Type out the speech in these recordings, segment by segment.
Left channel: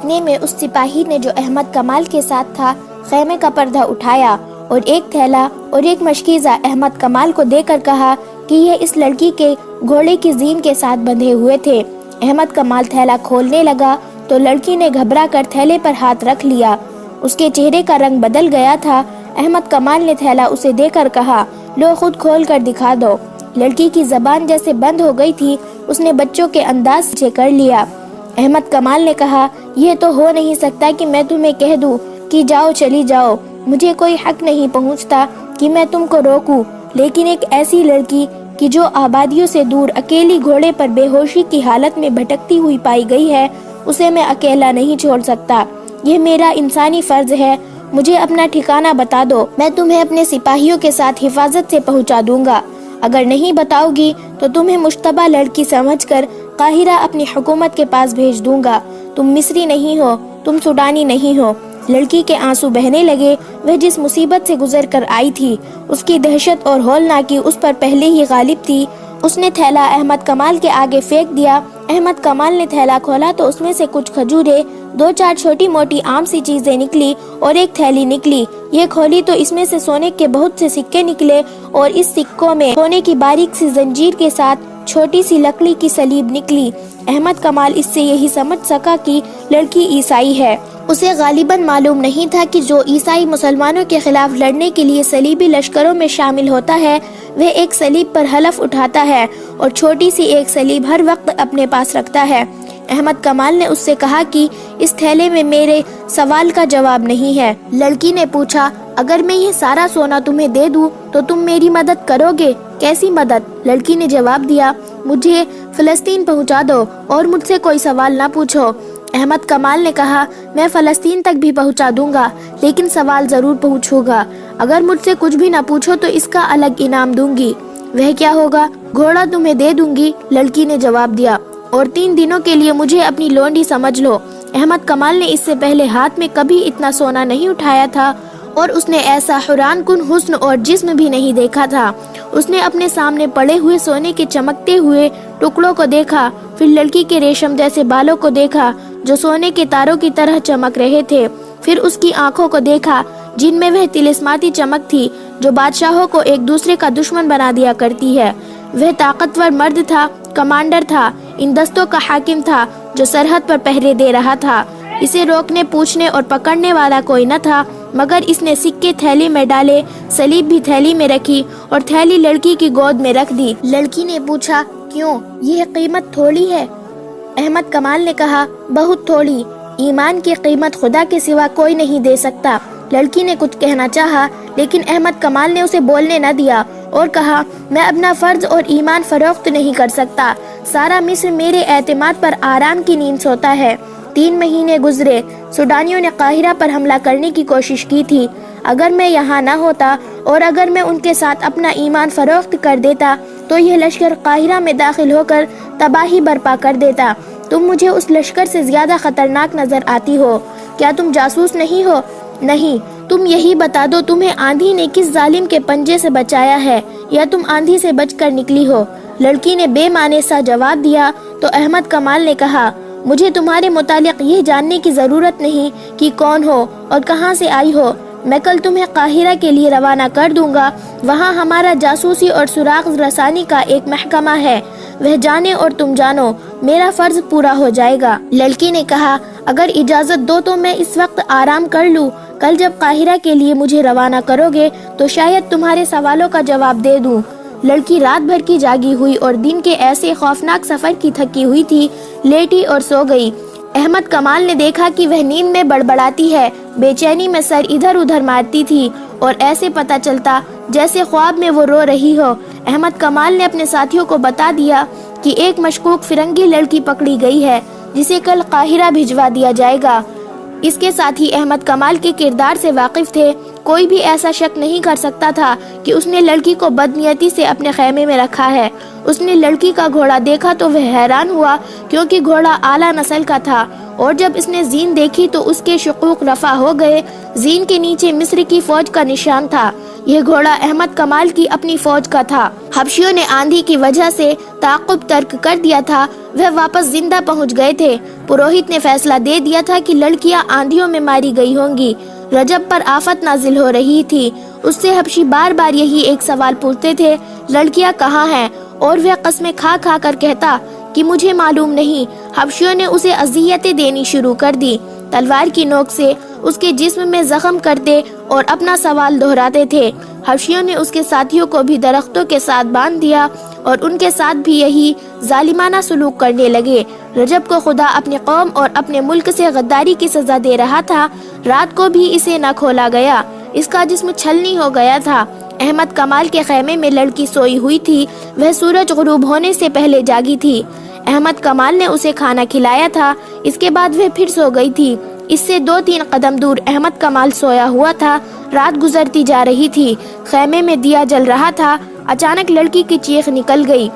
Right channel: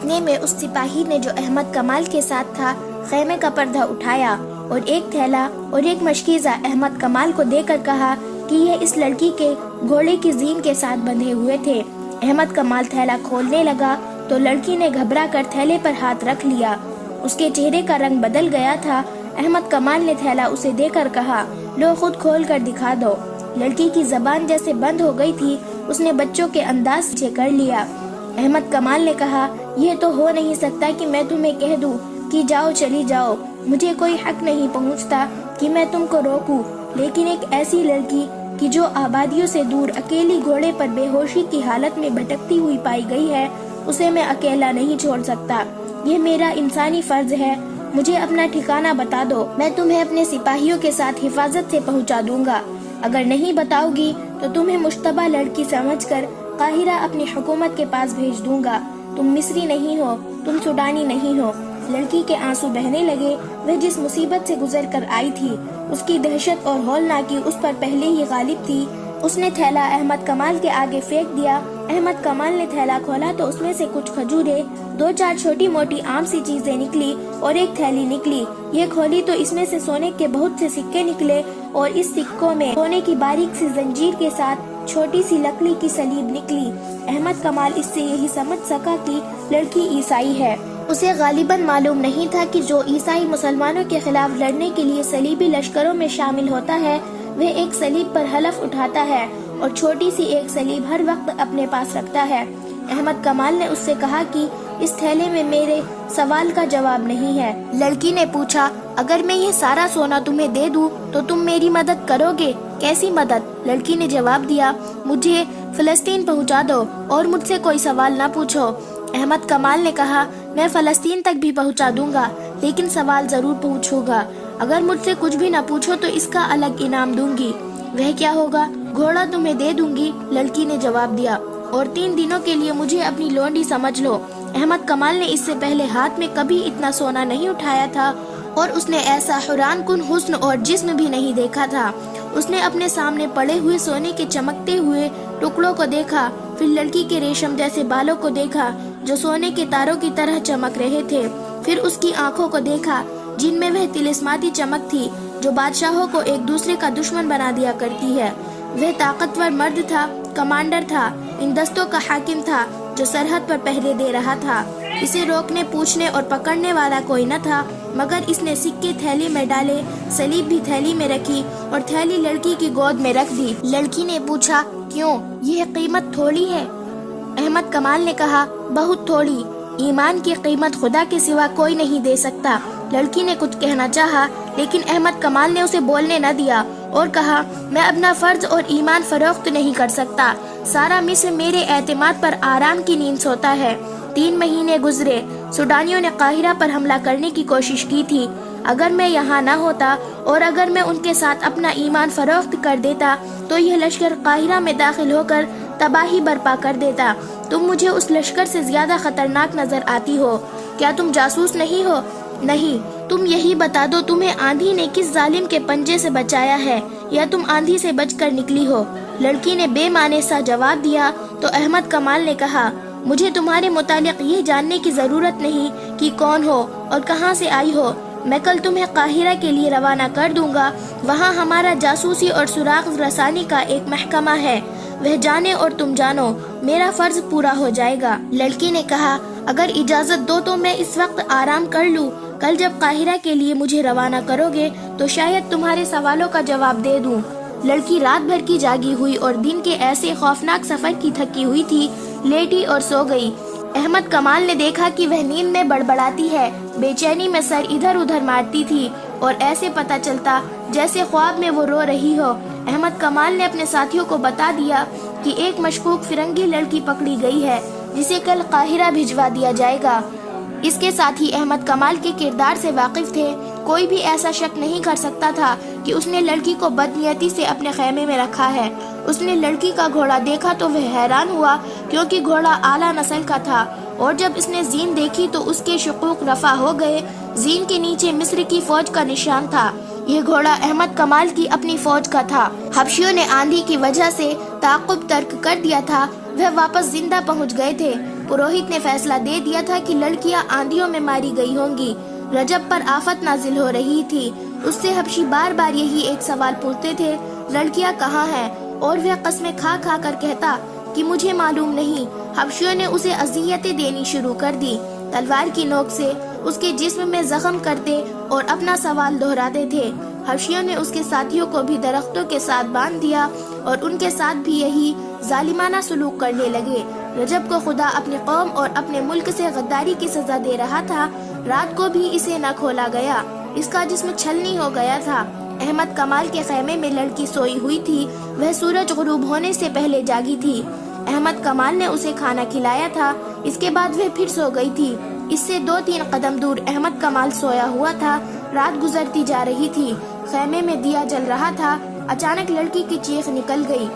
اتنے میں اس سپاہی نے جو احمد کمال کے ساتھ تھا خیمے کا پردہ اٹھایا اور ایک تھیلا اور ایک مشکیزہ احمد کمال کو دے کر کہا کہ یہ اس لڑکی کے گھوڑے کی زین کے ساتھ بندھے ہوئے تھے۔ احمد کمال تھیلا کھولنے لگا تو لڑکی نے گھبرا کر تھیلے پر ہاتھ رکھ لیا۔ اس کے چہرے کا رنگ بدل گیا تھا۔ احمد کمال نے تھیلا اسے دے کر کہا، لو خود کھول کر دکھا دو۔ لڑکی کی زبان جیسے بند ہو گئی تھی، اس نے بچوں کے انداز سے کر لیا۔ احمد کمال نے کہا، یہ تو ہو نہیں سکتا کہ میں تمہیں کہہ دوں کہ جاؤ چلی جاؤ، مجھے کوئی حق نہیں پہنچتا کہ میں تم کو روکوں، لیکن ایک ایسی لڑکی کہ جو آبادیوں سے دور اکیلی گھوڑے پر بے ہوشی کی حالت میں بھٹکتی ہوئی پائی گئی ہے، اسے میں اکیلا نہیں چھوڑ سکتا۔ یہ میرا انسانی فرض ہے، مجھے اپنا ٹھکانہ بتا دو، میں تمہیں اپنے سپاہیوں کے ساتھ حفاظت سے پہنچا دوں گا۔ اگر نہیں بتاؤ گی تو تمہیں مشتبہ لڑکی سمجھ کر قاہرہ اپنی حکومت کے پاس بھیج دوں گا۔ تم مصری نہیں ہو، تم سوڈانی نہیں ہو۔ لڑکی کے آنسو بہنے لگے۔ وہ جس مصیبت سے گزر کر آئی تھی، اس کی دہشت اور ہولناکی اس پر پہلے ہی غالب تھی۔ اس نے تھیلا احمد کمال کے آگے پھینک دیا۔ احمد کمال نے تھیلا کھولا تو اس میں سے کچھ کھجوریں، 2-4 چھوٹی موٹی عام سی چیزیں نکلی اور ایک تھیلی نکلی۔ یہ کھولی تو اس میں سے سونے کے بہت سے سکے نکلے اور اس سکوں میں سونے کی باریک سی زنجیر کے ساتھ چھوٹی سی لکڑی کی سلیب نکلی۔ احمد کمال اس سے یہی سمجھ سکا کہ لڑکی عیسائی ہے۔ اسے غالباً معلوم نہیں تھا کہ جو عیسائی مسلمانوں کے خلاف لڑنے کے لیے صلیبی لشکروں میں شامل ہوتا ہے، وہ ایک صلیب پر حلف اٹھاتا ہے اور چھوٹی سی ایک صلیب ہر وقت اپنے پاس رکھتا ہے۔ احمد کمال نے اس سے کہا کہ اس تھیلے میں میرے سوال کا جواب نہیں ہے۔ لڑکی نے پوچھا، اگر میں یہ سارا سونا تمہیں دے دوں تو تم میری مدد کرو گے؟ کیسی مدد؟ لڑکی نے جواب دیا، مجھے فلسطین پہنچا دو اور مجھ سے کوئی سوال نہ پوچھو۔ احمد کمال نے کہا، میں فلسطین تک بھی پہنچا دوں گا، لیکن سوال ضرور پوچھوں گا۔ اگر مجھ سے کچھ بھی نہ پوچھو تو اس کا الگ انعام دوں گی۔ وہ کیا ہوگا؟ گھوڑا تمہیں دے دوں گی، لڑکی نے جواب دیا، اور 3 دنوں کے لیے مجھے اپنی لونڈی سمجھ لو۔ احمد کمال نے اس سے پہلے ہاتھ میں کبھی اتنا سونا نہیں اٹھایا تھا اور اس نے ایسا حیران کن حسن اور جسم بھی نہیں دیکھا تھا۔ اس نے اپنے سامنے پڑے ہوئے سونے کے چمکتے ہوئے ٹکڑوں کو دیکھا، پھر لڑکی کے ریشم جیسے بالوں کو دیکھا جو سونے کے تاروں کی طرح چمک رہے تھے، پھر اس کی آنکھوں کو دیکھا جن میں وہ طلسماتی چمک تھی جو بادشاہوں کو ایک دوسرے کا دشمن بنا دیا کرتی ہے۔ وہ طاقتور مرد تھا، کمانڈر تھا، ان دستوں کا حاکم تھا جو سرحد پر پہرے دے رہا تھا۔ اسے روکنے، پوچھنے اور پکڑنے والا کوئی نہ تھا، مگر اس نے سکے تھیلی میں ڈالے، صلیب بھی تھیلی میں رکھی اور تھیلی لڑکی کی گود میں رکھ دی۔ لڑکی نے پوچھا، کیوں؟ یہ قیمت تھوڑی ہے؟ احمد کمال نے کہا، بہت تھوڑی، ایمان کی قیمت خدا کے سوا کوئی نہیں دے سکتا۔ لڑکی نے کچھ کہنا چاہا، لیکن احمد کمال نے اسے بولنے نہ دیا اور کہا، میں اپنا فرض اور ایمان فروخت نہیں کر سکتا۔ سارا مصر میرے اعتماد پر آرام کی نیند سوتا ہے۔ 3 مہینے گزرے، سوڈانیوں نے قاہرہ پر حملہ کرنے کی کوشش کی تھی۔ اگر میں یہاں نہ ہوتا اور اگر میں ان کے ساتھ اپنا ایمان فروخت کر دیتا تو یہ لشکر قاہرہ میں داخل ہو کر تباہی برپا کر دیتا۔ تم مجھے اس لشکر سے زیادہ خطرناک نظر آتی ہو۔ کیا تم جاسوس نہیں ہو؟ نہیں، تم یہی بتا دو تمہیں آندھی نے کس ظالم کے پنجے سے بچایا ہے، یا تم آندھی سے بچ کر نکلی ہو؟ لڑکی نے بے معنی سا جواب دیا تو احمد کمال نے کہا، مجھے تمہارے متعلق یہ جاننے کی ضرورت نہیں کہ کون ہو اور کہاں سے آئی ہو۔ میں کل تمہیں قاہرہ کے لیے روانہ کر دوں گا۔ وہاں ہمارا جاسوسی اور سراغ رسانی کا ایک محکمہ ہے، وہ جانے اور تم جانو، میرا فرض پورا ہو جائے گا۔ لڑکی نے کہا، اگر اجازت دو تو میں اس وقت آرام کر لوں۔ کل جب قاہرہ کے لیے مجھے روانہ کرو گے تو شاید تمہارے سوالوں کا جواب دے دوں۔ لڑکی رات بھر کی جاگی ہوئی اور دن کے ایسے خوفناک سفر کی تھکی ہوئی تھی، لیٹی اور سو گئی۔ احمد کمال نے دیکھا کہ وہ نیند میں بڑبڑاتی ہے، بے چینی میں سر ادھر ادھر مارتی تھی اور ایسے پتہ چلتا جیسے خواب میں وہ رو رہی ہو۔ احمد کمال نے اپنے ساتھیوں کو بتا دیا کہ ایک مشکوک فرنگی لڑکی پکڑی گئی ہے جسے کل قاہرہ بھجوا دیا جائے گا۔ اس کے ساتھی احمد کمال کے کردار سے واقف تھے، کوئی بھی ایسا شک نہیں کر سکتا تھا کہ اس نے لڑکی کو بدنیتی سے اپنے خیمے میں رکھا ہے۔ اس نے لڑکی کا گھوڑا دیکھا تو وہ حیران ہوا کیونکہ گھوڑا اعلیٰ نسل کا تھا، اور جب اس نے زین دیکھی تو اس کے شقوق رفع ہو گئے۔ زین کے نیچے مصر کی فوج کا نشان تھا۔ یہ گھوڑا احمد کمال کی اپنی فوج کا تھا۔ حبشیوں نے آندھی کی وجہ سے تعاقب ترک کر دیا تھا وہ واپس زندہ پہنچ گئے تھے۔ پروہت نے فیصلہ دے دیا تھا کہ لڑکیاں آندھیوں میں ماری گئی ہوں گی۔ رجب پر آفت نازل ہو رہی تھی۔ اس سے حبشی بار بار یہی ایک سوال پوچھتے تھے، لڑکیاں کہاں ہیں؟ اور وہ قسمیں کھا کھا کر کہتا کہ مجھے معلوم نہیں۔ حبشیوں نے اسے اذیتیں دینی شروع کر دی، تلوار کی نوک سے اس کے جسم میں زخم کرتے اور اپنا سوال دہراتے تھے۔ حبشیوں نے اس کے ساتھیوں کو بھی درختوں کے ساتھ باندھ دیا اور ان کے ساتھ بھی یہی ظالمانہ سلوک کرنے لگے۔ رجب کو خدا اپنے قوم اور اپنے ملک سے غداری کی سزا دے رہا تھا۔ رات کو بھی اسے نہ کھولا گیا، اس کا جسم چھلنی ہو گیا تھا۔ احمد کمال کے خیمے میں لڑکی سوئی ہوئی تھی، وہ سورج غروب ہونے سے پہلے جاگی تھی۔ احمد کمال نے اسے کھانا کھلایا تھا، اس کے بعد وہ پھر سو گئی تھی۔ اس سے 2-3 قدم دور احمد کمال سویا ہوا تھا۔ رات گزرتی جا رہی تھی، خیمے میں دیا جل رہا تھا۔ اچانک لڑکی کی چیخ نکل گئی،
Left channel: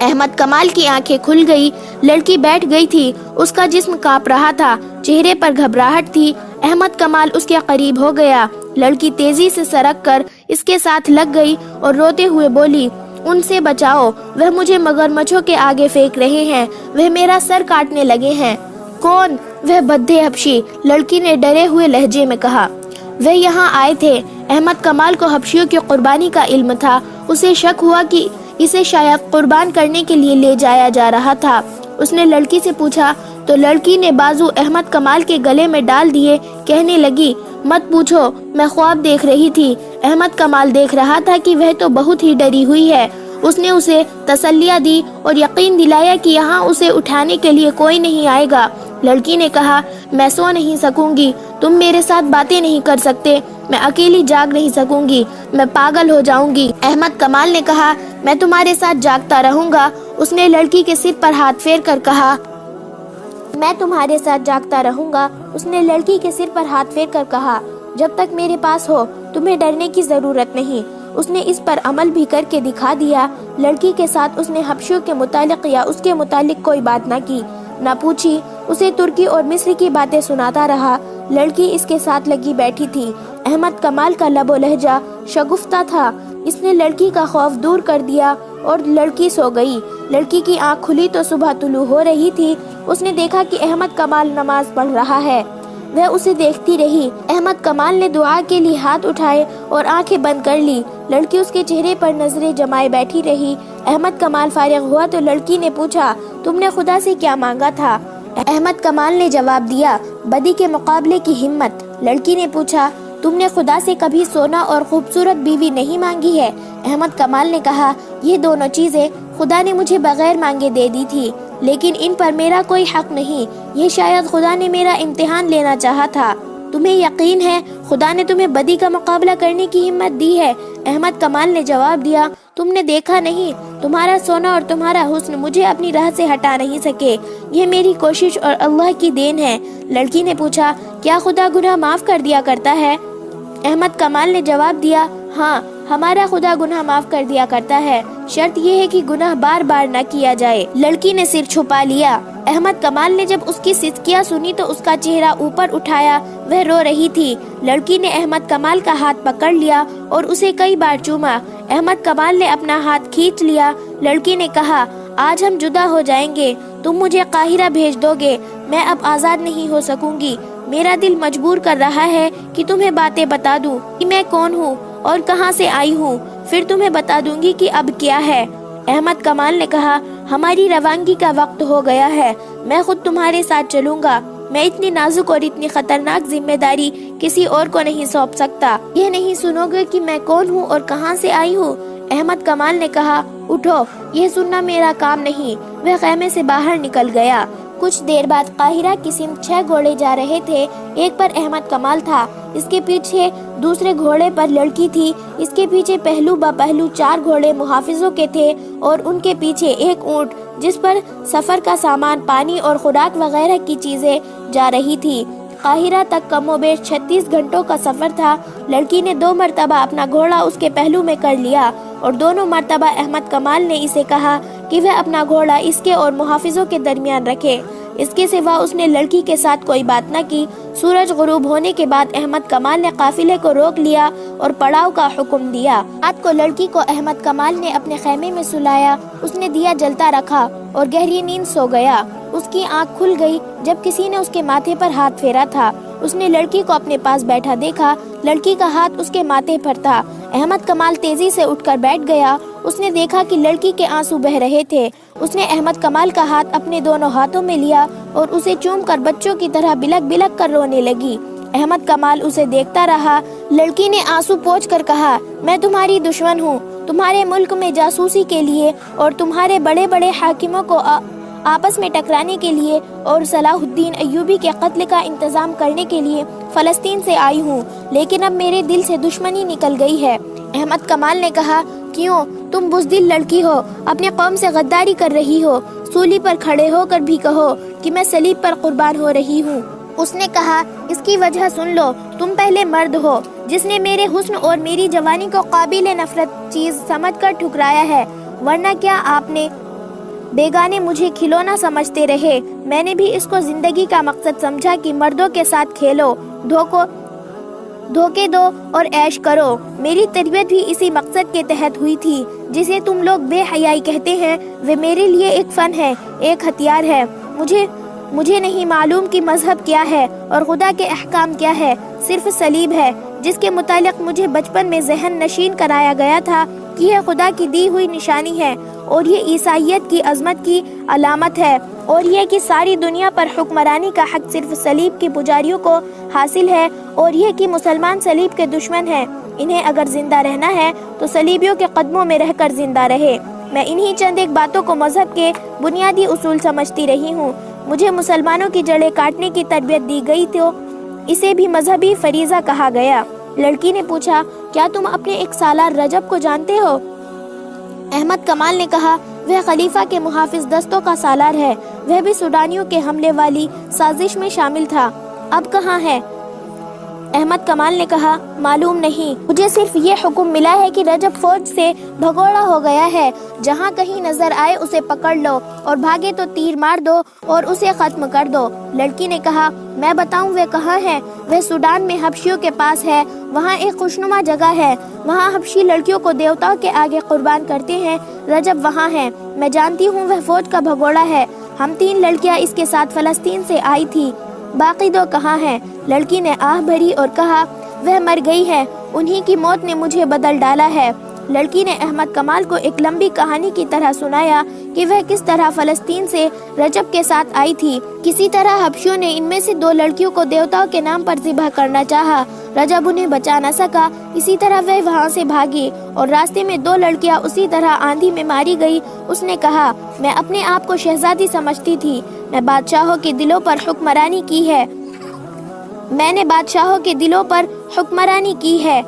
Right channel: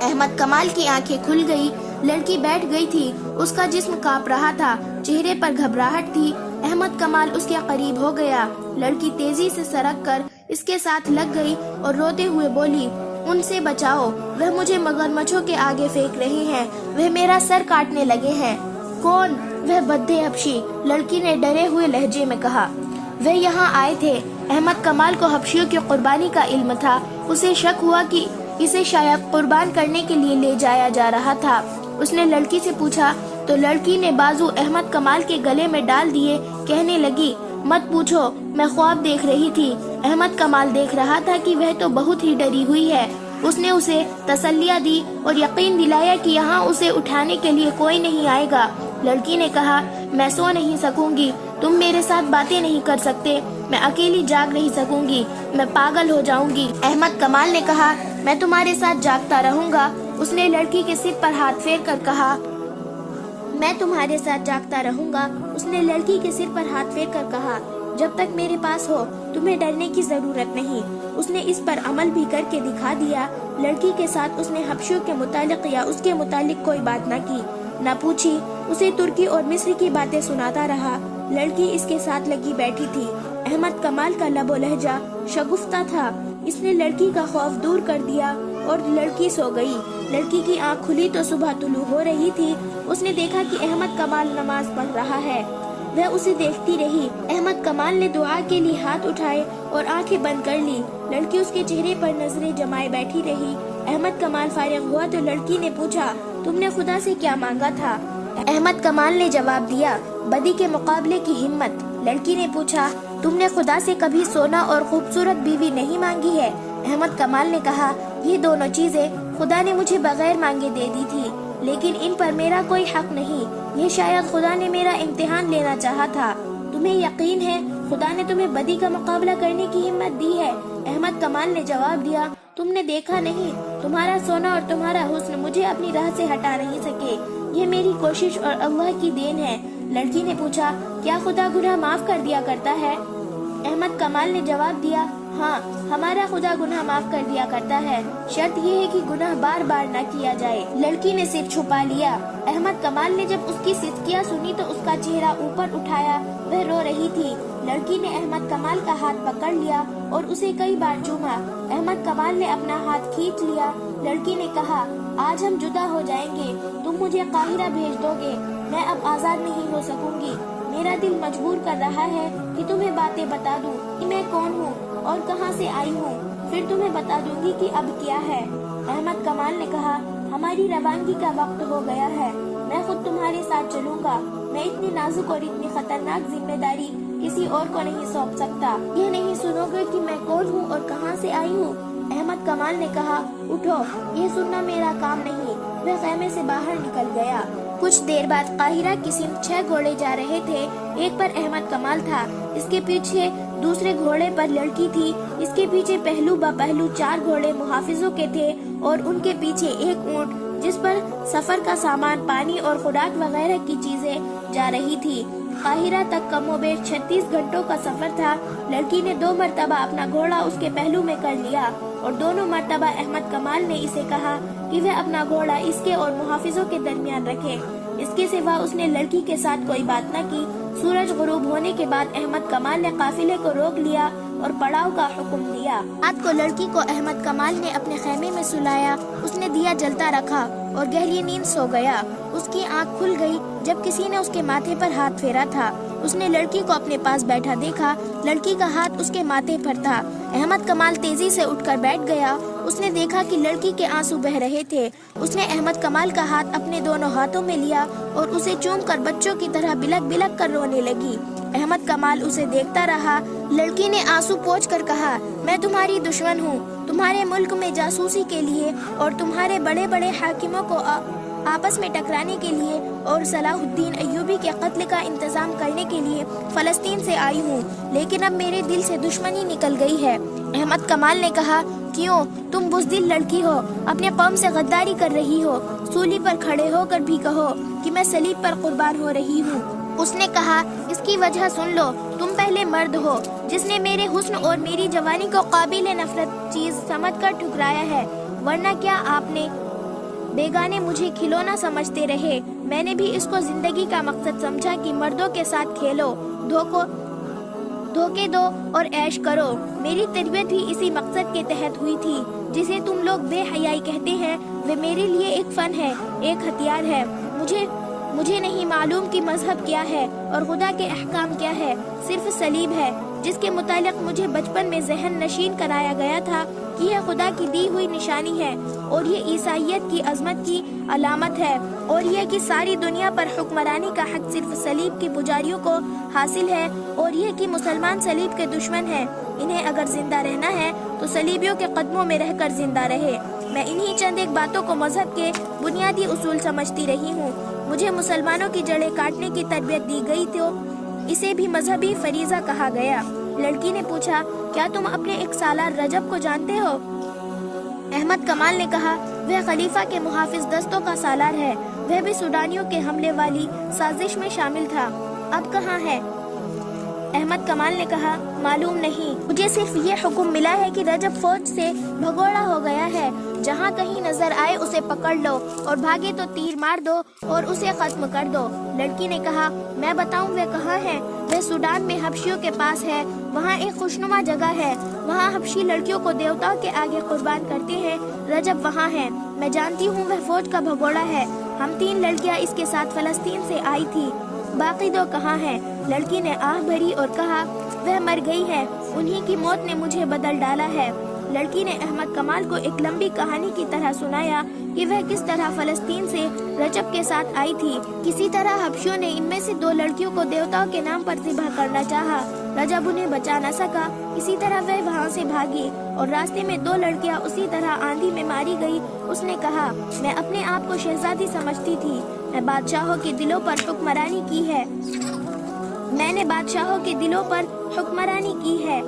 احمد کمال کی آنکھیں کھل گئی۔ لڑکی بیٹھ گئی تھی، اس کا جسم کانپ رہا تھا، چہرے پر گھبراہٹ تھی۔ احمد کمال اس کے قریب ہو گیا۔ لڑکی تیزی سے سرک کر اس کے ساتھ لگ گئی اور روتے ہوئے بولی، ان سے بچاؤ، وہ مجھے مگرمچھوں کے آگے پھینک رہے ہیں، وہ میرا سر کاٹنے لگے ہیں۔ کون؟ وہ بدھے حبشی، لڑکی نے ڈرے ہوئے لہجے میں کہا۔ وہ یہاں آئے تھے۔ احمد کمال کو حبشیوں کی قربانی کا علم تھا۔ اسے شک ہوا کہ اسے شاید قربان کرنے کے لیے لے جایا جا رہا تھا۔ اس نے لڑکی سے پوچھا تو لڑکی نے بازو احمد کمال کے گلے میں ڈال دیے، کہنے لگی، مت پوچھو، میں خواب دیکھ رہی تھی۔ احمد کمال دیکھ رہا تھا کہ وہ تو بہت ہی ڈری ہوئی ہے۔ اس نے اسے تسلیاں دی اور یقین دلایا کہ یہاں اسے اٹھانے کے لیے کوئی نہیں آئے گا۔ لڑکی نے کہا، میں سو نہیں سکوں گی، تم میرے ساتھ باتیں نہیں کر سکتے، میں اکیلی جاگ نہیں سکوں گی، میں پاگل ہو جاؤں گی۔ احمد کمال نے کہا، میں تمہارے ساتھ جاگتا رہوں گا۔ اس نے لڑکی کے سر پر ہاتھ پھیر کر کہا، میں تمہارے ساتھ جاگتا رہوں گا۔ اس نے لڑکی کے سر پر ہاتھ پھیر کر کہا، جب تک میرے پاس ہو تمہیں ڈرنے کی ضرورت نہیں۔ اس نے اس پر عمل بھی کر کے دکھا دیا۔ لڑکی کے ساتھ اس نے حبشیوں کے متعلق یا اس کے متعلق کوئی بات نہ کی، نہ پوچھی۔ اسے ترکی اور مصری کی باتیں سناتا رہا۔ لڑکی اس کے ساتھ لگی بیٹھی تھی۔ احمد کمال کا لب و لہجہ شگفتہ تھا۔ اس نے لڑکی کا خوف دور کر دیا اور لڑکی سو گئی۔ لڑکی کی آنکھ کھلی تو صبح طلوع ہو رہی تھی۔ اس نے دیکھا کہ احمد کمال نماز پڑھ رہا ہے۔ وہ اسے دیکھتی رہی۔ احمد کمال نے دعا کے لیے ہاتھ اٹھائے اور آنکھیں بند کر لی۔ لڑکی اس کے چہرے پر نظریں جمائے بیٹھی رہی۔ احمد کمال فارغ ہوا تو لڑکی نے پوچھا، تم نے خدا سے کیا مانگا تھا؟ احمد کمال نے جواب دیا، بدی کے مقابلے کی ہمت۔ لڑکی نے پوچھا، تم نے خدا سے کبھی سونا اور خوبصورت بیوی نہیں مانگی ہے؟ احمد کمال نے کہا، یہ دونوں چیزیں خدا نے مجھے بغیر مانگے دے دی تھی، لیکن ان پر میرا کوئی حق نہیں۔ یہ شاید خدا نے میرا امتحان لینا چاہا تھا۔ تمہیں یقین ہے خدا نے تمہیں بدی کا مقابلہ کرنے کی ہمت دی ہے؟ احمد کمال نے جواب دیا، تم نے دیکھا نہیں، تمہارا سونا اور تمہارا حسن مجھے اپنی راہ سے ہٹا نہیں سکے، یہ میری کوشش اور اللہ کی دین ہے۔ لڑکی نے پوچھا، کیا خدا گناہ معاف کر دیا کرتا ہے؟ احمد کمال نے جواب دیا، ہاں، ہمارا خدا گناہ معاف کر دیا کرتا ہے، شرط یہ ہے کہ گناہ بار بار نہ کیا جائے۔ لڑکی نے سر چھپا لیا۔ احمد کمال نے جب اس کی صدقیاں سنی تو اس کا چہرہ اوپر اٹھایا، وہ رو رہی تھی۔ لڑکی نے احمد کمال کا ہاتھ پکڑ لیا اور اسے کئی بار چوما۔ احمد کمال نے اپنا ہاتھ کھینچ لیا۔ لڑکی نے کہا، آج ہم جدا ہو جائیں گے، تم مجھے قاہرہ بھیج دو گے، میں اب آزاد نہیں ہو سکوں گی۔ میرا دل مجبور کر رہا ہے کہ تمہیں باتیں بتا دوں کہ میں کون ہوں اور کہاں سے آئی ہوں، پھر تمہیں بتا دوں گی کہ اب کیا ہے۔ احمد کمال نے کہا، ہماری روانگی کا وقت ہو گیا ہے، میں خود تمہارے ساتھ چلوں گا، میں اتنی نازک اور اتنی خطرناک ذمہ داری کسی اور کو نہیں سونپ سکتا۔ یہ نہیں سنو گے کہ میں کون ہوں اور کہاں سے آئی ہوں؟ احمد کمال نے کہا، اٹھو، یہ سننا میرا کام نہیں۔ وہ خیمے سے باہر نکل گیا۔ کچھ دیر بعد قاہرہ کی سمت 6 گھوڑے جا رہے تھے۔ ایک پر احمد کمال تھا، اس کے پیچھے دوسرے گھوڑے پر لڑکی تھی، اس کے پیچھے پہلو با پہلو 4 گھوڑے محافظوں کے تھے اور ان کے پیچھے ایک اونٹ جس پر سفر کا سامان، پانی اور خوراک وغیرہ کی چیزیں جا رہی تھی۔ قاہرہ تک کم و بیش 36 گھنٹوں کا سفر تھا۔ لڑکی نے 2 مرتبہ اپنا گھوڑا اس کے پہلو میں کر لیا اور دونوں مرتبہ احمد کمال نے اسے کہا کہ وہ اپنا گھوڑا اس کے اور محافظوں کے درمیان رکھے۔ اس کے سوا اس نے لڑکی کے ساتھ کوئی بات نہ کی۔ سورج غروب ہونے کے بعد احمد کمال نے قافلے کو روک لیا اور پڑاؤ کا حکم دیا۔ رات کو لڑکی کو احمد کمال نے اپنے خیمے میں سلایا، اس نے دیا جلتا رکھا اور گہری نیند سو گیا۔ اس کی آنکھ کھل گئی جب کسی نے اس کے ماتھے پر ہاتھ پھیرا تھا۔ اس نے لڑکی کو اپنے پاس بیٹھا دیکھا، لڑکی کا ہاتھ اس کے ماتھے پر تھا۔ احمد کمال تیزی سے اٹھ کر بیٹھ گیا۔ اس نے دیکھا کہ لڑکی کے آنسو بہ رہے تھے۔ اس نے احمد کمال کا ہاتھ اپنے دونوں ہاتھوں میں لیا اور اسے چوم کر بچوں کی طرح بلک بلک کر رونے لگی۔ احمد کمال اسے دیکھتا رہا۔ لڑکی نے آنسو پوچھ کر کہا، میں تمہاری دشمن ہوں، تمہارے ملک میں جاسوسی کے لیے اور تمہارے بڑے بڑے حاکموں کو آپس میں ٹکرانے کے لیے اور صلاح الدین ایوبی کے قتل کا انتظام کرنے کے لیے فلسطین سے آئی ہوں، لیکن اب میرے دل سے دشمنی نکل گئی ہے۔ احمد کمال نے کہا، کیوں؟ تم بزدل لڑکی ہو، اپنے قوم سے غداری کر رہی ہو، سولی پر کھڑے ہو کر بھی کہو کہ میں صلیب پر قربان ہو رہی ہوں۔ اس نے کہا، اس کی وجہ سن لو، تم پہلے مرد ہو جس نے میرے حسن اور میری جوانی کو قابل نفرت چیز سمجھ کر ٹھکرایا ہے، ورنہ کیا آپ نے بیگانے مجھے کھلونا سمجھتے رہے؟ میں نے بھی اس کو زندگی کا مقصد سمجھا کہ مردوں کے ساتھ کھیلو، دھوکے دو اور عیش کرو۔ میری تربیت بھی اسی مقصد کے تحت ہوئی تھی۔ جسے تم لوگ بے حیائی کہتے ہیں، وہ میرے لیے ایک فن ہے، ایک ہتھیار ہے۔ مجھے نہیں معلوم کہ مذہب کیا ہے اور خدا کے احکام کیا ہے، صرف صلیب ہے جس کے متعلق مجھے بچپن میں ذہن نشین کرایا گیا تھا کہ یہ خدا کی دی ہوئی نشانی ہے اور یہ عیسائیت کی عظمت کی علامت ہے، اور یہ کہ ساری دنیا پر حکمرانی کا حق صرف صلیب کے پجاریوں کو حاصل ہے، اور یہ کہ مسلمان صلیب کے دشمن ہیں۔ انہیں اگر زندہ رہنا ہے تو صلیبیوں کے قدموں میں رہ کر زندہ رہے۔ میں انہی چند ایک باتوں کو مذہب کے بنیادی اصول سمجھتی رہی ہوں۔ مجھے مسلمانوں کی جڑیں کاٹنے کی تربیت دی گئی تو اسے بھی مذہبی فریضہ کہا گیا۔ لڑکی نے پوچھا، کیا تم اپنے ایک سالار رجب کو جانتے ہو؟ احمد کمال نے کہا، وہ خلیفہ کے محافظ دستوں کا سالار ہے، وہ بھی سوڈانیوں کے حملے والی سازش میں شامل تھا۔ اب کہاں ہے؟ احمد کمال نے کہا، معلوم نہیں، مجھے صرف یہ حکم ملا ہے کہ رجب فوج سے بھگوڑا ہو گیا ہے، جہاں کہیں نظر آئے اسے پکڑ لو اور بھاگے تو تیر مار دو اور اسے ختم کر دو۔ لڑکی نے کہا، میں بتاؤں وہ کہاں ہے؟ وہ سوڈان میں حبشیوں کے پاس ہے، وہاں ایک خوشنما جگہ ہے، وہاں حبشی لڑکیوں کو دیوتاؤں کے آگے قربان کرتے ہیں، رجب وہاں ہے، میں جانتی ہوں وہ فوج کا بھگوڑا ہے، ہم 3 لڑکیاں اس کے ساتھ فلسطین سے آئی تھی، باقی 2 کہاں ہیں؟ لڑکی نے آہ بھری اور کہا، وہ مر گئی ہے، انہی کی موت نے مجھے بدل ڈالا ہے۔ لڑکی نے احمد کمال کو ایک لمبی کہانی کی طرح سنایا کہ وہ کس طرح فلسطین سے رجب کے ساتھ آئی تھی۔ کسی طرح حبشیوں نے ان میں سے 2 لڑکیوں کو دیوتاؤں کے نام پر ذبح کرنا چاہا، رجب انہیں بچا نہ سکا، اسی طرح وہ وہاں سے بھاگی اور راستے میں 2 لڑکیاں اسی طرح آندھی میں ماری گئی۔ اس نے کہا، میں اپنے آپ کو شہزادی سمجھتی تھی، میں بادشاہوں کے دلوں پر حکمرانی کی ہے،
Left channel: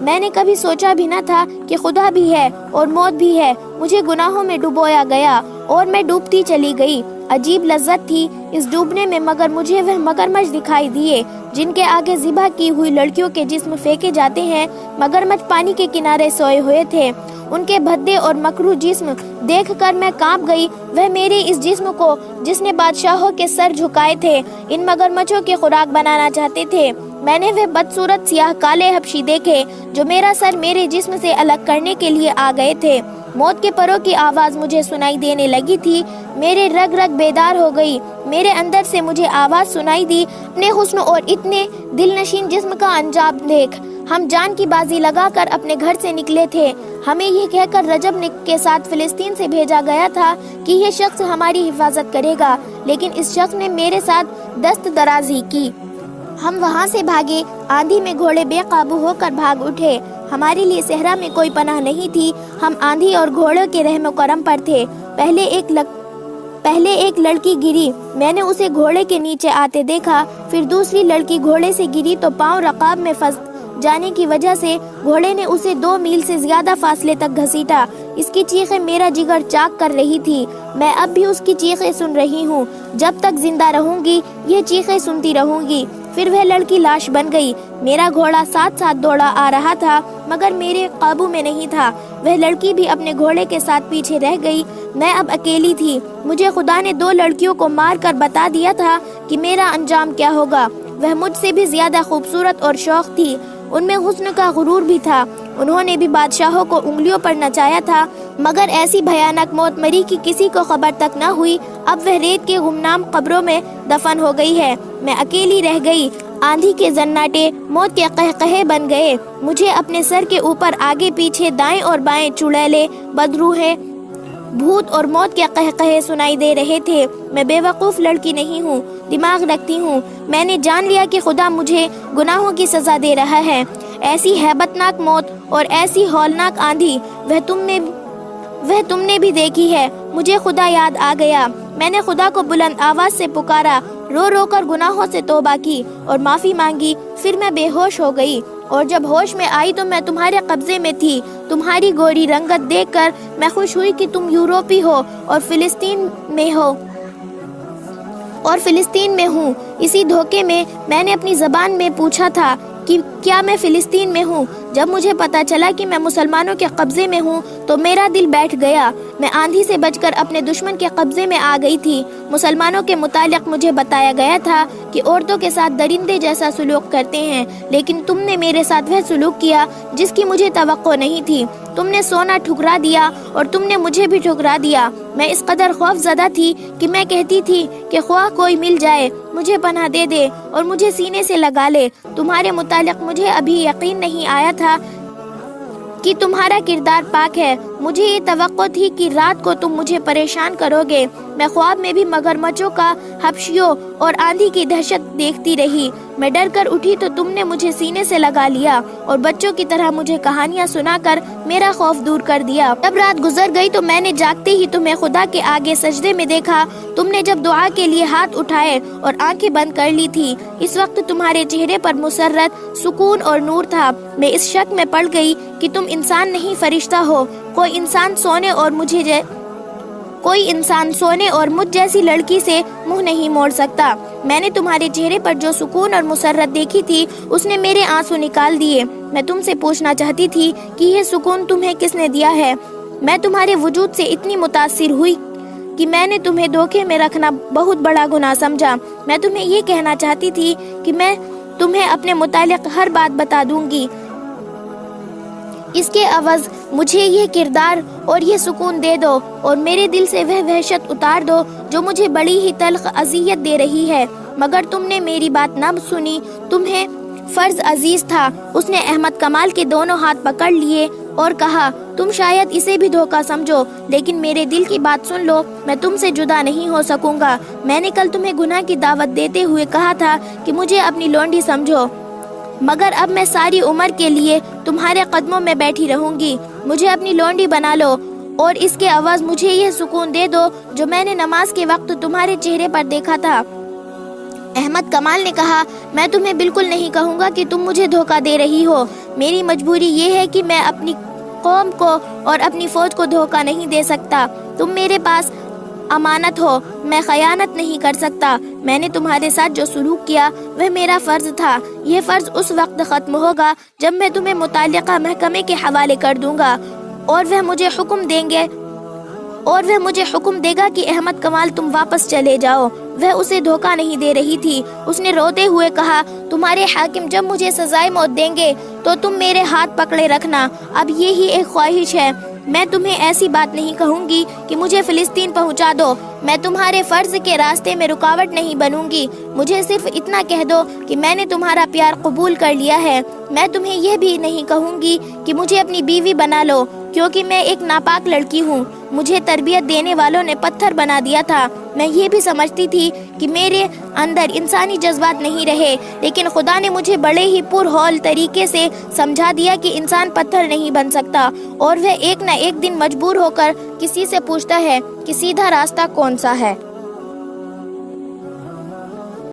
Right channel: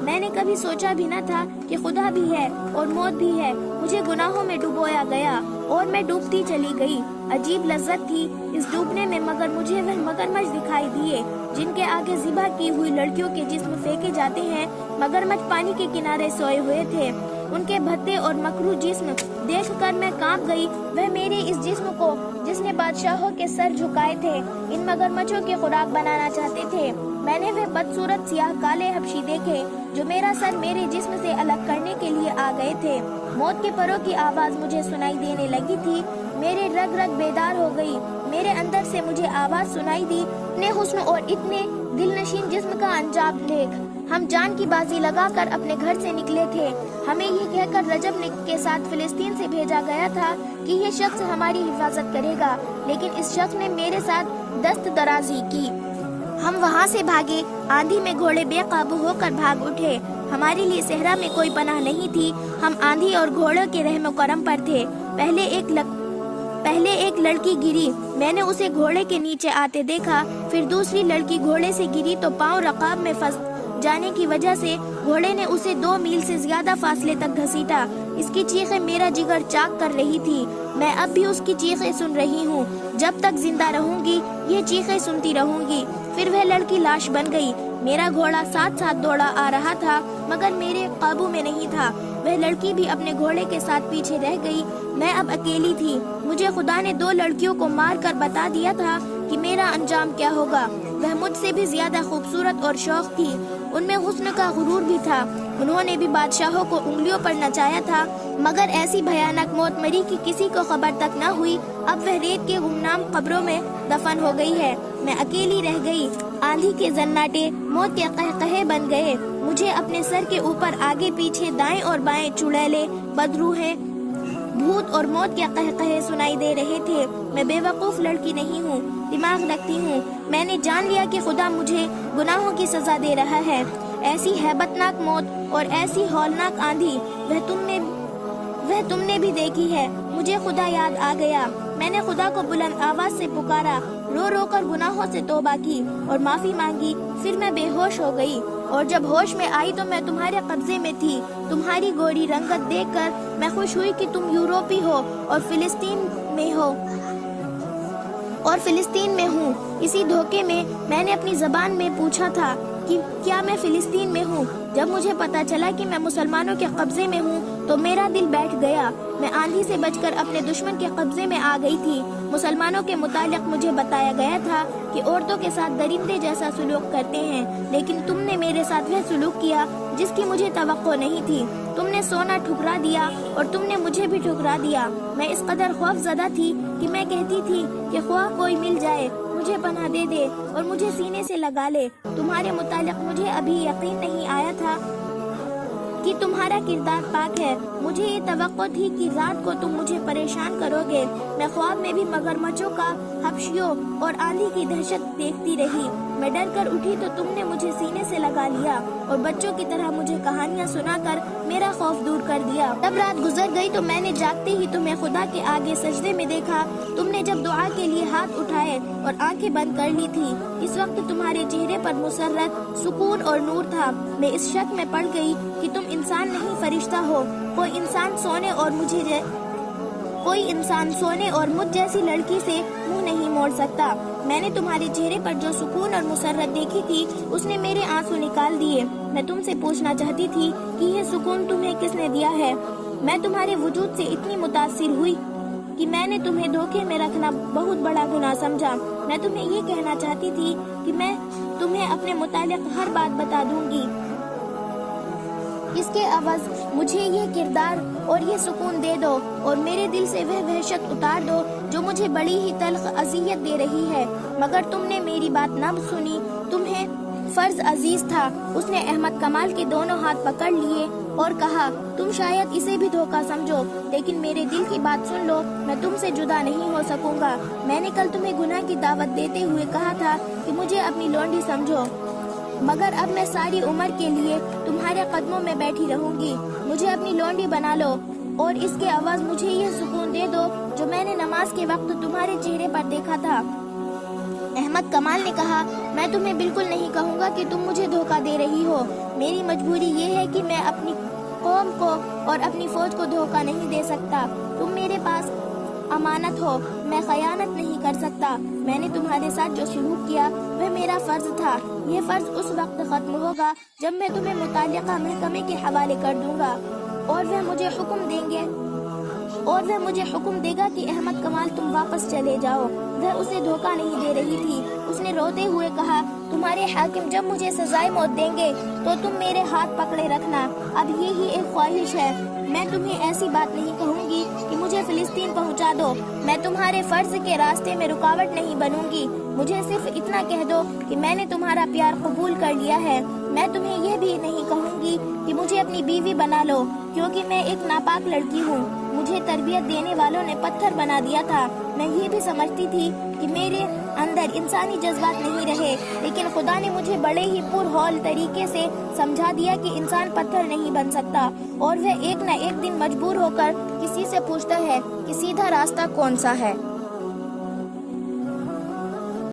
میں نے کبھی سوچا بھی نہ تھا کہ خدا بھی ہے اور موت بھی ہے، مجھے گناہوں میں ڈبویا گیا اور میں ڈوبتی چلی گئی، عجیب لذت تھی اس ڈوبنے میں، مگر مجھے وہ مگرمچھ دکھائی دیے جن کے آگے ذبح کی ہوئی لڑکیوں کے جسم پھینکے جاتے ہیں۔ مگرمچھ پانی کے کنارے سوئے ہوئے تھے، ان کے بھدے اور مکروہ جسم دیکھ کر میں کانپ گئی، وہ میرے اس جسم کو جس نے بادشاہوں کے سر جھکائے تھے ان مگرمچھوں کی خوراک بنانا چاہتے تھے۔ میں نے وہ بدصورت سیاہ کالے حبشی دیکھے جو میرا سر میرے جسم سے الگ کرنے کے لیے آ گئے تھے۔ موت کے پروں کی آواز مجھے سنائی دینے لگی تھی، میرے رگ رگ بیدار ہو گئی، میرے اندر سے مجھے آواز سنائی دی، اپنے حسن اور اتنے دل نشین جسم کا انجام دیکھ۔ ہم جان کی بازی لگا کر اپنے گھر سے نکلے تھے، ہمیں یہ کہہ کر رجب کے ساتھ فلسطین سے بھیجا گیا تھا کہ یہ شخص ہماری حفاظت کرے گا، لیکن اس شخص نے میرے ساتھ دست درازی کی۔ ہم وہاں سے بھاگے، آندھی میں گھوڑے بے قابو ہو کر بھاگ اٹھے، ہمارے لیے صحرا میں کوئی پناہ نہیں تھی، ہم آندھی اور گھوڑوں کے رحم و کرم پر تھے۔ پہلے ایک لڑکی گری، میں نے اسے گھوڑے کے نیچے آتے دیکھا، پھر دوسری لڑکی گھوڑے سے گری تو پاؤں رقاب میں پھنس جانے کی وجہ سے گھوڑے نے اسے 2 میل سے زیادہ فاصلے تک گھسیٹا، اس کی چیخیں میرا جگر چاک کر رہی تھی۔ میں اب بھی اس کی چیخیں سن رہی ہوں، جب تک زندہ رہوں گی یہ چیخیں سنتی رہوں گی۔ پھر وہ لڑکی لاش بن گئی۔ میرا گھوڑا ساتھ ساتھ دوڑا آ رہا تھا مگر میرے قابو میں نہیں تھا۔ وہ لڑکی بھی اپنے گھوڑے کے ساتھ پیچھے رہ گئی۔ میں اب اکیلی تھی۔ مجھے خدا نے 2 لڑکیوں کو مار کر بتا دیا تھا کہ میرا انجام کیا ہوگا۔ وہ مجھ سے بھی زیادہ خوبصورت اور شوق تھی، ان میں حسن کا غرور بھی تھا۔ انہوں نے بھی بادشاہوں کو انگلیوں پر نچایا تھا مگر ایسی بھیانک موت مری کہ کسی کو خبر تک نہ ہوئی۔ اب وہ ریت کے گمنام قبروں میں دفن ہو گئی ہے۔ میں اکیلی رہ گئی۔ آندھی کے زناٹے موت کے قہقہے بن گئے۔ مجھے اپنے سر کے اوپر آگے پیچھے دائیں اور بائیں چڑیلیں، بدروحیں، بھوت اور موت کے قہقہے سنائی دے رہے تھے۔ میں بے وقوف لڑکی نہیں ہوں، دماغ رکھتی ہوں۔ میں نے جان لیا کہ خدا مجھے گناہوں کی سزا دے رہا ہے۔ ایسی ہیبتناک موت اور ایسی ہولناک آندھی وہ تم نے بھی دیکھی ہے۔ مجھے خدا یاد آ گیا۔ میں نے خدا کو بلند آواز سے پکارا، رو رو کر گناہوں سے توبہ کی اور معافی مانگی۔ پھر میں بے ہوش ہو گئی اور جب ہوش میں آئی تو میں تمہارے قبضے میں تھی۔ تمہاری گوری رنگت دیکھ کر میں خوش ہوئی کہ تم یوروپی ہو اور فلسطین میں ہوں۔ اسی دھوکے میں نے اپنی زبان میں پوچھا تھا کہ کیا میں فلسطین میں ہوں۔ جب مجھے پتا چلا کہ میں مسلمانوں کے قبضے میں ہوں تو میرا دل بیٹھ گیا۔ میں آندھی سے بچ کر اپنے دشمن کے قبضے میں آ گئی تھی۔ مسلمانوں کے متعلق مجھے بتایا گیا تھا کہ عورتوں کے ساتھ درندے جیسا سلوک کرتے ہیں، لیکن تم نے میرے ساتھ وہ سلوک کیا جس کی مجھے توقع نہیں تھی۔ تم نے سونا ٹھکرا دیا اور تم نے مجھے بھی ٹھکرا دیا۔ میں اس قدر خوف زدہ تھی کہ میں کہتی تھی کہ خواہ کوئی مل جائے مجھے پناہ دے دے اور مجھے سینے سے لگا لے۔ تمہارے متعلق مجھے ابھی یقین نہیں آیا تھا کہ تمہارا کردار پاک ہے۔ مجھے یہ توقع تھی کہ رات کو تم مجھے پریشان کرو گے۔ میں خواب میں بھی مگرمچھوں کا، حبشیوں اور آندھی کی دہشت دیکھتی رہی۔ میں ڈر کر اٹھی تو تم نے مجھے سینے سے لگا لیا اور بچوں کی طرح مجھے کہانیاں سنا کر میرا خوف دور کر دیا۔ جب رات گزر گئی تو میں نے جاگتے ہی تمہیں خدا کے آگے سجدے میں دیکھا۔ تم نے جب دعا کے لیے ہاتھ اٹھائے اور آنکھیں بند کر لی تھی، اس وقت تمہارے چہرے پر مسرت، سکون اور نور تھا۔ میں اس شک میں پڑ گئی کہ تم انسان نہیں فرشتہ ہو۔ کوئی انسان سونے اور مجھ جیسی لڑکی سے منہ نہیں موڑ سکتا۔ میں نے تمہارے چہرے پر جو سکون اور مسرت دیکھی تھی اس نے میرے آنسو نکال دیے۔ میں تم سے پوچھنا چاہتی تھی کہ یہ سکون تمہیں کس نے دیا ہے۔ میں تمہارے وجود سے اتنی متاثر ہوئی کہ میں نے تمہیں دھوکے میں رکھنا بہت بڑا گناہ سمجھا۔ میں تمہیں یہ کہنا چاہتی تھی کہ میں تمہیں اپنے متعلق ہر بات بتا دوں گی، اس کے عوض مجھے یہ کردار اور یہ سکون دے دو اور میرے دل سے وہ وحشت اتار دو جو مجھے بڑی ہی تلخ اذیت دے رہی ہے۔ مگر تم نے میری بات نہ سنی۔ تمہیں فرض عزیز تھا۔ اس نے احمد کمال کے دونوں ہاتھ پکڑ لیے اور کہا، تم شاید اسے بھی دھوکہ سمجھو لیکن میرے دل کی بات سن لو، میں تم سے جدا نہیں ہو سکوں گا۔ میں نے کل تمہیں گناہ کی دعوت دیتے ہوئے کہا تھا کہ مجھے اپنی لونڈی سمجھو، مگر اب میں ساری عمر کے لیے تمہارے قدموں میں بیٹھی رہوں گی۔ مجھے اپنی لونڈی بنا لو اور اس کے عوض مجھے یہ سکون دے دو جو میں نے نماز کے وقت تمہارے چہرے پر دیکھا تھا۔ احمد کمال نے کہا، میں تمہیں بالکل نہیں کہوں گا کہ تم مجھے دھوکہ دے رہی ہو۔ میری مجبوری یہ ہے کہ میں اپنی قوم کو اور اپنی فوج کو دھوکہ نہیں دے سکتا۔ تم میرے پاس امانت ہو، میں خیانت نہیں کر سکتا۔ میں نے تمہارے ساتھ جو سلوک کیا وہ میرا فرض تھا۔ یہ فرض اس وقت ختم ہوگا جب میں تمہیں متعلقہ محکمے کے حوالے کر دوں گا اور وہ مجھے حکم دے گا کہ احمد کمال تم واپس چلے جاؤ۔ وہ اسے دھوکہ نہیں دے رہی تھی۔ اس نے روتے ہوئے کہا، تمہارے حاکم جب مجھے سزائے موت دیں گے تو تم میرے ہاتھ پکڑے رکھنا۔ اب یہی ایک خواہش ہے، میں تمہیں ایسی بات نہیں کہوں گی کہ مجھے فلسطین پہنچا دو۔ میں تمہارے فرض کے راستے میں رکاوٹ نہیں بنوں گی۔ مجھے صرف اتنا کہہ دو کہ میں نے تمہارا پیار قبول کر لیا ہے۔ میں تمہیں یہ بھی نہیں کہوں گی کہ مجھے اپنی بیوی بنا لو، کیونکہ میں ایک ناپاک لڑکی ہوں۔ مجھے تربیت دینے والوں نے پتھر بنا دیا تھا۔ میں یہ بھی سمجھتی تھی کہ میرے اندر انسانی جذبات نہیں رہے، لیکن خدا نے مجھے بڑے ہی پرہول طریقے سے سمجھا دیا کہ انسان پتھر نہیں بن سکتا، اور وہ ایک نہ ایک دن مجبور ہو کر کسی سے پوچھتا ہے کہ سیدھا راستہ کون سا ہے۔